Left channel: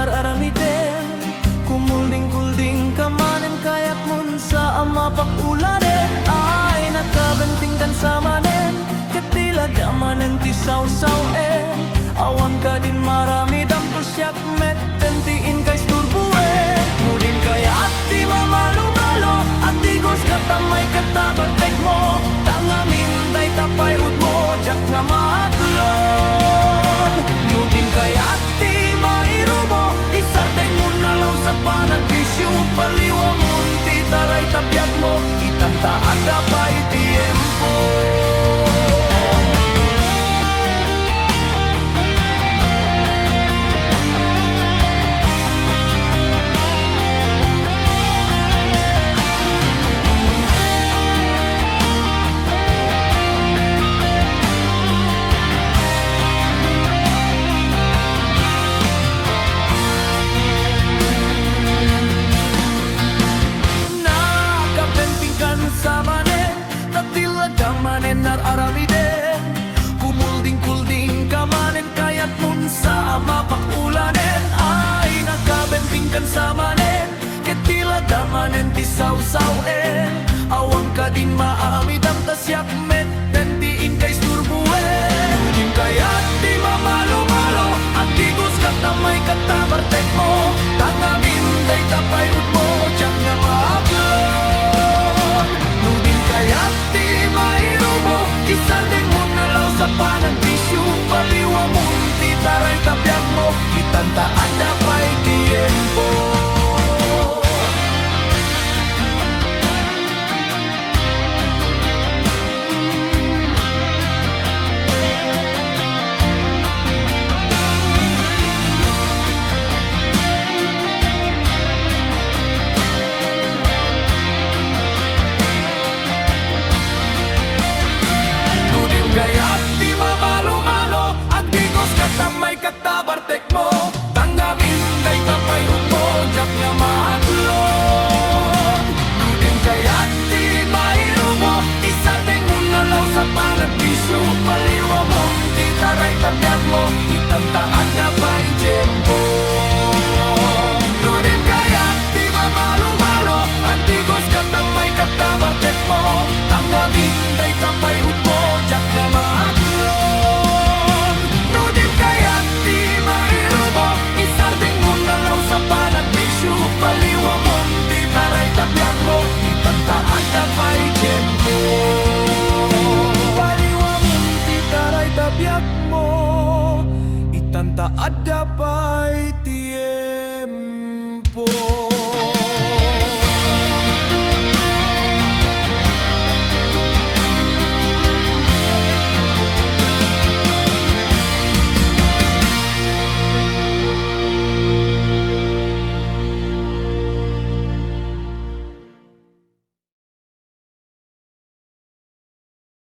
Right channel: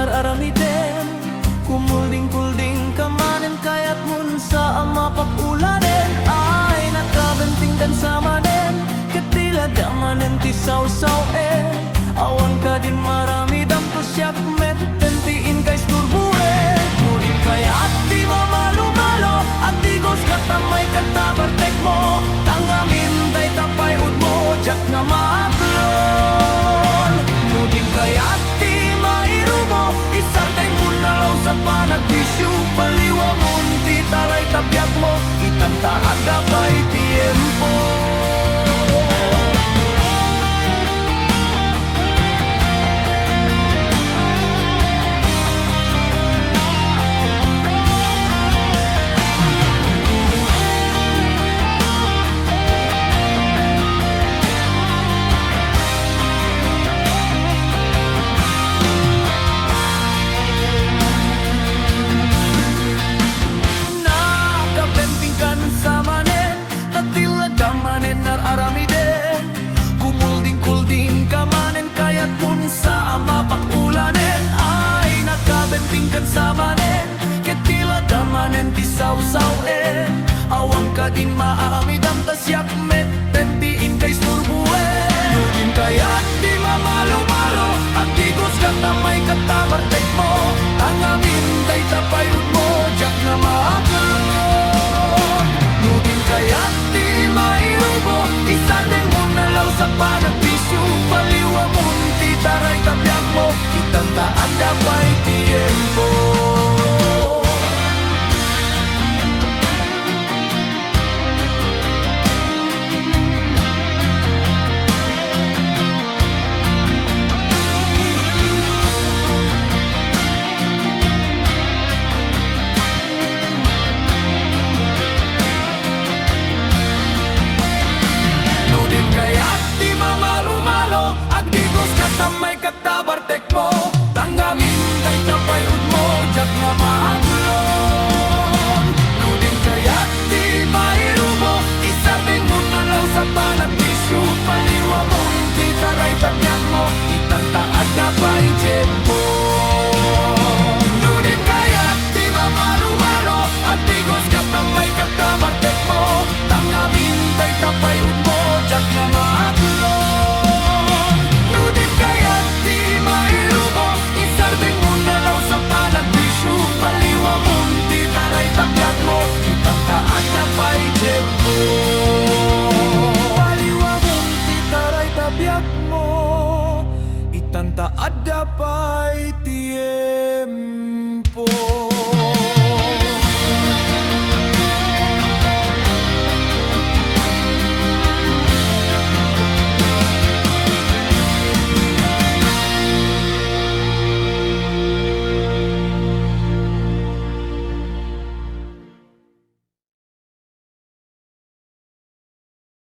nararamiden. Kumulding-kulding kamanen kayat mun sa mapakuladen. Ay nakabentingkan sa manen, katila damanen ti saw-sawen. Awan ka din marami damto siyak met, tentiin kay sturbuen. Nudin kaya at di mamalo-malo, at di gos katamay katabartek mo. Tangamin day tapay ud mo, jak nga maaklon. Nudin kaya at di mairubo, isarday mo nalaw sa panagbisyo. Paliwa munti taray tabyak mo, itanta ada pa'y tiempo. Sa manen, tatila damanen nararamiden. Kumulding-kulding kamanen kayat mun sa mapakulanen. Ay nakabentingkan sa manen, ketila damanen ti saw-sawen. Awang ka din maamidam tas yakmet, tentiin kay sturbuen. Nudin kayat di mamalo-malo, at digos katamay katabartek mo. Tangamin day tapay ud mo, jak nga maaklon. Nudin kayat di mairubo, isardeng mo nalaw sa panagbisyo. Paliwa munti taray tabyak mo, itanta ada pa'y tiempo. Kaya't di mamalo-malo, agdigos katamay katabartek mo. Tangamin day tapay ud mo, jak nga maaklon. Nudin kaya't di mairubo, isardeng mo nalaw sa panagbisyo. Paliwa munti taray tabyak mo, itanta ada pa'y tiempo. Nudin kaya't di mamalo-malo, agdigos katamay katabartek mo. Tangamin day tapay ud mo, jak nga maaklon. Nudin kayat di mairubo, isardeng mo nalaw sa panagbisyo. Paliwa munti taray tabyak mo, itanta ada pa'y tiempo. Paliwa munti taray tabyak mo, itanta ada pa'y tiempo.